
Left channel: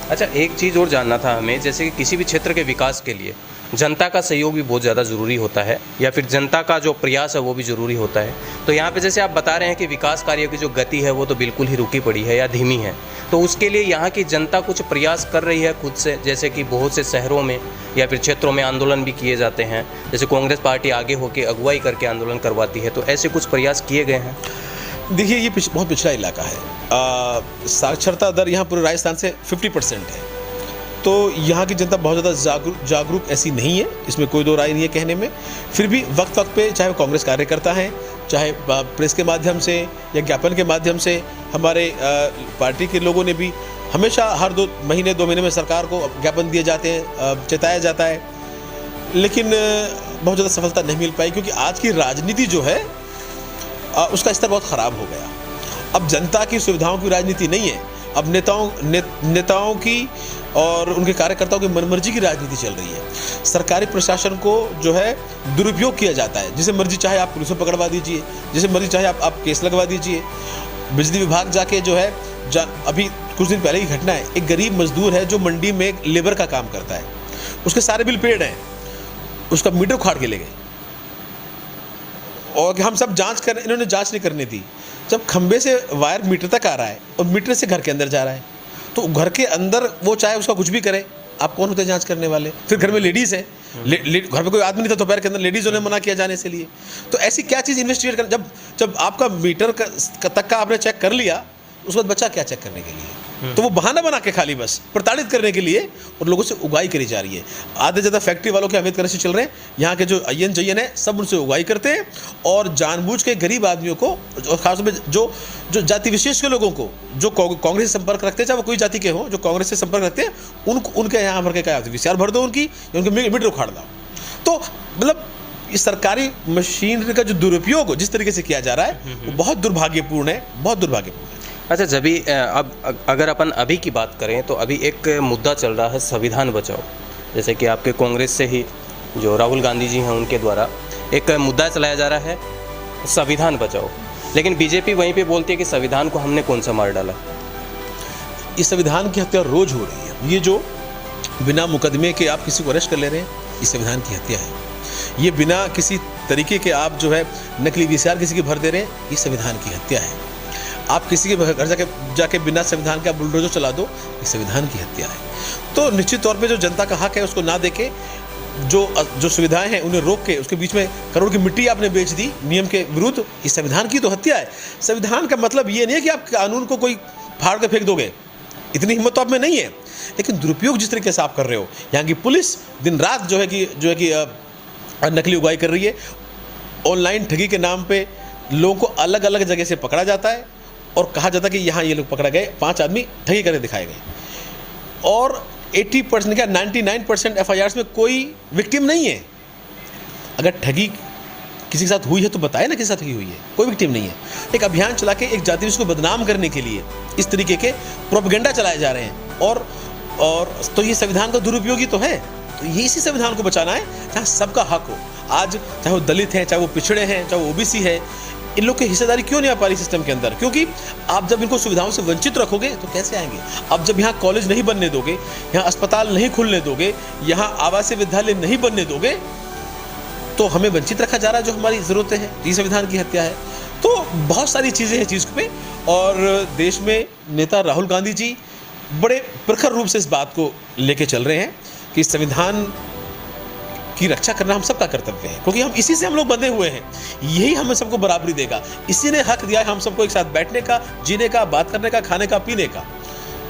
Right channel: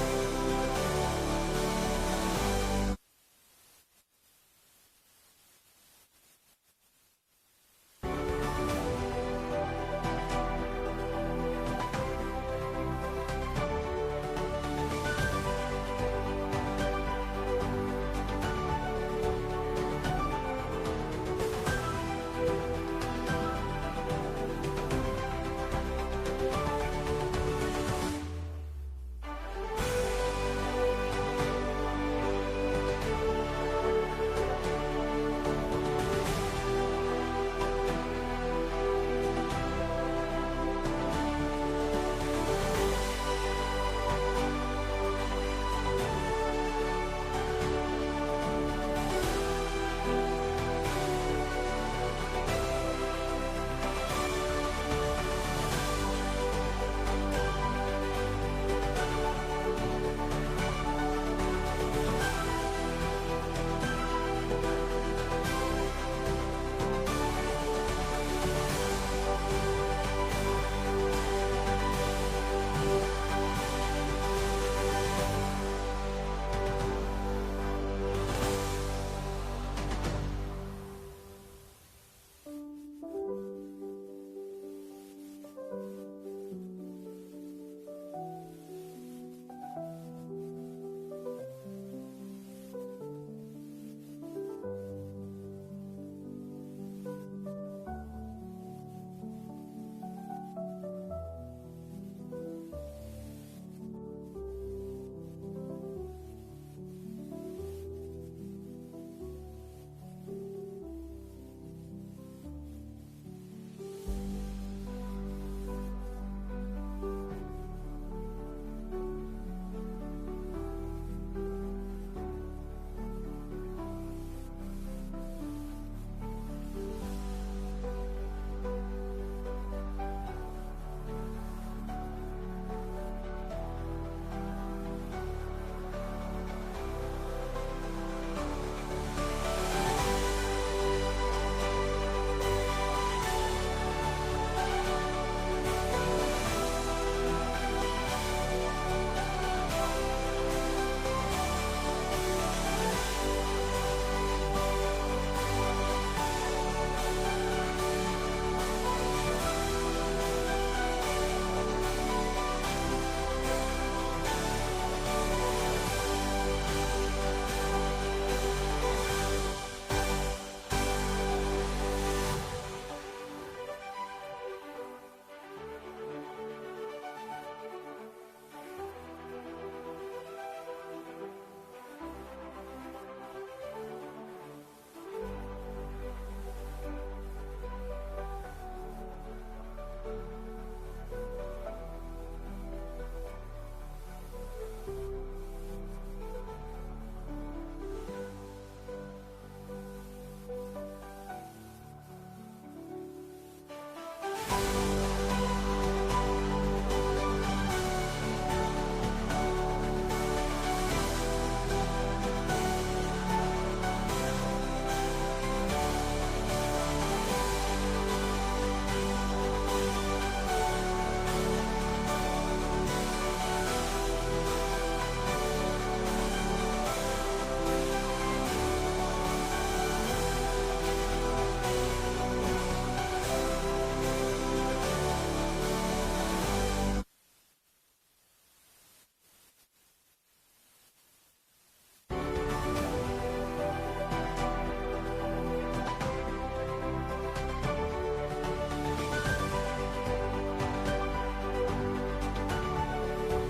अच्छा, एक चीज़ और जानना था हमें, जैसे कि किसी भी क्षेत्र के विकास के लिए जनता का सहयोग भी बहुत ज़्यादा ज़रूरी होता है, या फिर जनता का जो प्रयास है वो भी ज़रूरी होता है। तो यहाँ पे जैसे आप बता रहे हैं कि विकास कार्य की जो गति है वो तो बिल्कुल ही रुकी पड़ी है या धीमी है, तो उसके लिए यहाँ की जनता कुछ प्रयास कर रही है खुद से, जैसे कि बहुत से शहरों में या फिर क्षेत्रों में आंदोलन भी किए जाते हैं, जैसे कांग्रेस पार्टी आगे होकर अगुवाई करके आंदोलन करवाती है, तो ऐसे कुछ प्रयास किए गए हैं? देखिए, ये बहुत पिछड़ा इलाका है। साक्षरता दर यहाँ पूरे राजस्थान से 50% है, तो यहाँ की जनता बहुत ज़्यादा जागरूक ऐसी नहीं है, इसमें कोई दो राय नहीं है कहने में। फिर भी वक्त वक्त पे चाहे वो कांग्रेस कार्यकर्ता हैं, चाहे प्रेस के माध्यम से या ज्ञापन के माध्यम से, हमारे पार्टी के लोगों ने भी हमेशा हर 2 महीने में सरकार को ज्ञापन दिए जाते हैं, चेताया जाता है, लेकिन बहुत ज़्यादा सफलता नहीं मिल पाई, क्योंकि आज की राजनीति जो है उसका स्तर बहुत ख़राब हो गया। अब जनता की सुविधाओं की राजनीति नहीं है, अब नेताओं की और उनके कार्यकर्ताओं की मनमर्जी की राजनीति चल रही है। सरकारी प्रशासन को जो है दुरुपयोग किया जाता है, जिसे मर्जी चाहे आप पुलिस में पकड़वा दीजिए, जिसे मर्जी चाहे आप केस लगवा दीजिए। बिजली विभाग जाके जो है अभी कुछ दिन पहले की घटना है, एक गरीब मजदूर है जो मंडी में लेबर का काम करता है, उसके सारे बिल पेड हैं, उसका मीटर उखाड़ के ले गए, और हम सब जांच कर, इन्होंने जांच नहीं करनी थी। जब खंबे से वायर मीटर तक आ रहा है और मीटर से घर के अंदर जा रहा है, तो घर के अंदर वो चाहे उसका कुछ भी करे, आप कौन होते हैं जांच करने वाले? फिर घर में लेडीज़ है, घर में कोई आदमी नहीं था, दोपहर के अंदर लेडीज़ों ने मना किया जाने से लिए। तो ऐसी क्या चीज़ इन्वेस्टिगेट कर, जब आपका मीटर तक का आपने चेक कर लिया, उस वक्त बच्चा क्या चेक करने के लिए? तो वो बहाना बना के खाली बस प्रताड़ित करने के लिए और लोगों से उगाई करी जा रही है। आधे ज़्यादा फैक्ट्री वालों के अवैध करने से चल रहे हैं, यहाँ के जो अय्यन जयन है सब उनसे उगाई करते हैं, और जानबूझ के गरीब आदमियों को, और खासतौर में जो जाति विशेष के लोगों को, जो कांग्रेस से संपर्क रखते हैं, चाहे वो कोई जाति के हो, जो कांग्रेस से संपर्क रखते हैं, उनके यहाँ भर के क्या विचार भर दो उनकी, उनके मीटर उखाड़ दो। तो मतलब इस सरकारी मशीनरी का जो दुरुपयोग जिस तरीके से किया जा रहा है वो बहुत दुर्भाग्यपूर्ण है, बहुत दुर्भाग्यपूर्ण है। अच्छा, जब भी अब अगर अपन अभी की बात करें तो अभी एक मुद्दा चल रहा है संविधान बचाओ, जैसे कि आपके कांग्रेस से ही जो राहुल गांधी जी हैं उनके द्वारा एक मुद्दा चलाया जा रहा है संविधान बचाओ, लेकिन बीजेपी वहीं पे बोलती है कि संविधान को हमने कौन सा मार डाला। इस संविधान की हत्या रोज हो रही है। ये जो बिना मुकदमे के आप किसी को अरेस्ट कर ले रहे हैं, ये संविधान की हत्या है। ये बिना किसी तरीके के आप जो है नकली वीसीआर किसी के भर दे रहे हैं, ये संविधान की हत्या है। आप किसी के घर जाके बिना संविधान का बुलडोजर चला दो, ये संविधान की हत्या है। तो निश्चित तौर पे जो जनता का हक है उसको ना देके, जो सुविधाएं हैं उन्हें रोक के उसके बीच में करोड़ की मिट्टी आपने बेच दी नियम के विरुद्ध, ये संविधान की तो हत्या है। संविधान का मतलब ये नहीं है कि आप कानून को कोई फाड़ के फेंक दोगे, इतनी हिम्मत तो आप में नहीं है, लेकिन दुरुपयोग जिस तरीके से आप कर रहे हो, यहाँ की पुलिस दिन रात जो है कि नकली उगाई कर रही है। ऑनलाइन ठगी के नाम पे लोगों को अलग अलग जगह से पकड़ा जाता है और कहा जाता है कि यहाँ ये लोग पकड़ा गए, 5 आदमी ठगी करके दिखाए गए, और 80% क्या 99% FIRs में कोई विक्टिम नहीं है। अगर ठगी किसी के साथ हुई है तो बताए ना किसी साथ ठगी हुई है, कोई विक्टिम नहीं है। एक अभियान चला के एक जाति को बदनाम करने के लिए इस तरीके के प्रोपेगेंडा चलाए जा रहे हैं, और तो ये संविधान का दुरुपयोग ही तो है। तो ये इसी संविधान को बचाना है जहाँ सबका हक हो। आज चाहे वो दलित हैं, चाहे वो पिछड़े हैं, चाहे वो OBC है, इन लोग की हिस्सेदारी क्यों नहीं आ पा रही सिस्टम के अंदर? क्योंकि आप जब इनको सुविधाओं से वंचित रखोगे तो कैसे आएंगे? आप जब यहाँ कॉलेज नहीं बनने दोगे, यहाँ अस्पताल नहीं खुलने दोगे, यहाँ आवासीय विद्यालय नहीं बनने दोगे, तो हमें वंचित रखा जा रहा है जो हमारी ज़रूरतें हैं। ये संविधान की हत्या है। तो बहुत सारी चीज़ें हैं चीज़ पे, और देश में नेता राहुल गांधी जी बड़े प्रखर रूप से इस बात को लेके चल रहे हैं कि संविधान की रक्षा करना हम सबका कर्तव्य है, क्योंकि हम इसी से हम लोग बंधे हुए हैं। यही हमें सबको बराबरी देगा, इसी ने हक दिया है हम सबको एक साथ बैठने का, जीने का, बात करने का, खाने का, पीने का।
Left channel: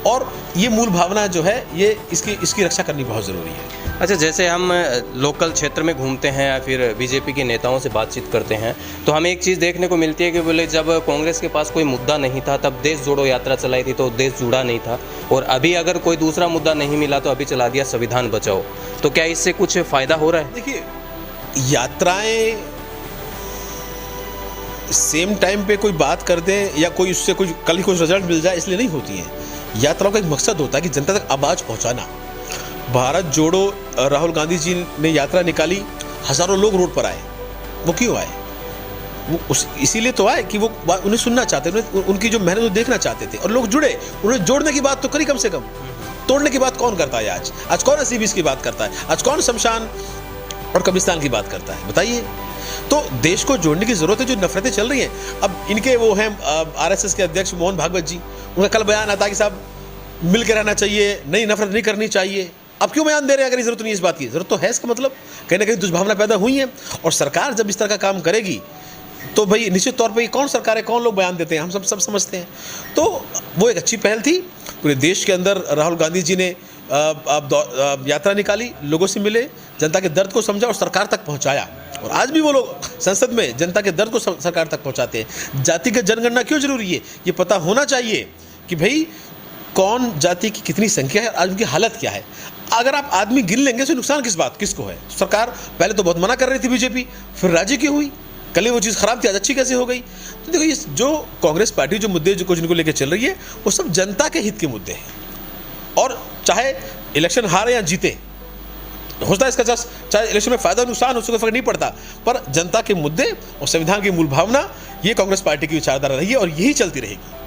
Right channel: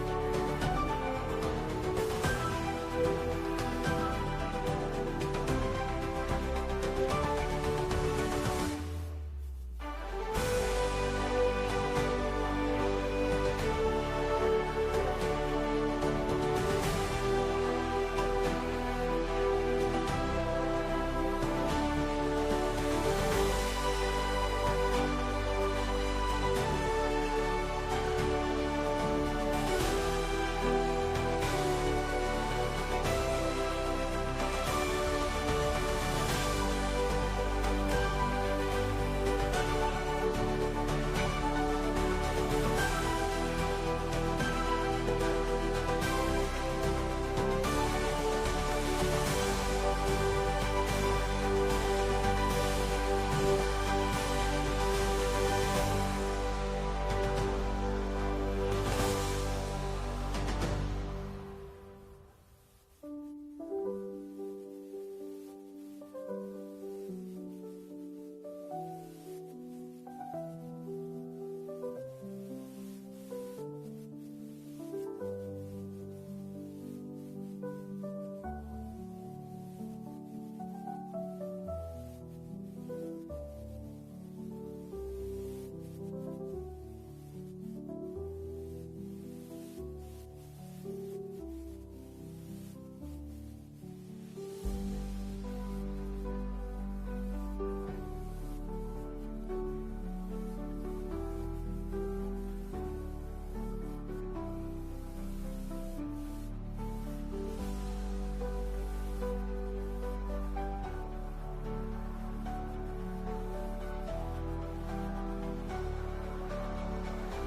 और ये मूल भावना जो है, ये इसकी रक्षा करनी बहुत ज़रूरी है। अच्छा, जैसे हम लोकल क्षेत्र में घूमते हैं या फिर बीजेपी के नेताओं से बातचीत करते हैं, तो हमें एक चीज़ देखने को मिलती है कि बोले जब कांग्रेस के पास कोई मुद्दा नहीं था तब देश जोड़ो यात्रा चलाई थी तो देश जुड़ा नहीं था, और अभी अगर कोई दूसरा मुद्दा नहीं मिला तो अभी चला दिया संविधान बचाओ। तो क्या इससे कुछ फ़ायदा हो रहा है? देखिए, यात्राएं सेम टाइम पे कोई बात कर दें या कोई उससे कुछ कल ही कुछ रिजल्ट मिल जाए इसलिए नहीं होती है। यात्राओं का एक मकसद होता है कि जनता तक आवाज़ पहुंचाना। भारत जोड़ो राहुल गांधी जी ने यात्रा निकाली, हजारों लोग रोड पर आए। वो क्यों आए? वो इसीलिए तो आए कि वो उन्हें सुनना चाहते थे, उनकी जो मेहनत वो देखना चाहते थे, और लोग जुड़े। उन्हें जोड़ने की बात तो करी कम से कम, तोड़ने की बात कौन करता है आज कौन 80-20 की बात करता है? आज कौन शमशान और कब्रिस्तान की बात करता है? बताइए। तो देश को जोड़ने की जरूरत है। जो नफरतें चल रही हैं, अब इनके वो हैं आरएसएस के अध्यक्ष मोहन भागवत जी, उनका कल बयान आता कि साहब मिल के रहना चाहिए, नई नफरत नहीं करनी चाहिए। अब क्यों बयान दे रहे हैं अगर जरूरत नहीं है इस बात की? जरूरत तो है, इसका मतलब कहीं ना कहीं दुष्भावना पैदा हुई है। और सरकार जब इस तरह का काम करेगी तो भाई निश्चित तौर पर कौन सरकार है, कौन लोग बयान देते हैं, हम सब समझते हैं। तो वो एक अच्छी पहल थी। पूरे देश के अंदर राहुल गांधी जी ने यात्रा निकाली, लोगों से मिले, जनता के दर्द को समझा और सरकार तक पहुंचाया। और आज भी वो लोग संसद में जनता के दर्द को सरकार तक पहुंचाते हैं। जातिगत जनगणना क्यों जरूरी है, ये पता होना चाहिए कि भाई कौन जाति की कितनी संख्या है, आज उनकी हालत क्या है। अगर आप आदमी गिन लेंगे तो नुकसान किसको है? सरकार पहले तो बहुत मना कर रही थी बीजेपी, फिर राजी क्यों हुई? कल ही वो चीज़ खराब थी, आज अच्छी कैसे हो गई? तो देखो, ये जो कांग्रेस पार्टी जो मुद्दे जो कुछ इनको लेकर चल रही है, वो सब जनता के हित के मुद्दे हैं। और चाहे इलेक्शन हारे या जीते, होता है इसका चाहे इलेक्शन में फायदा नुकसान उसको फर्क नहीं पड़ता, पर जनता के मुद्दे और संविधान की मूल भावना, ये कांग्रेस पार्टी की विचारधारा रही है और यही चलती रहेगी।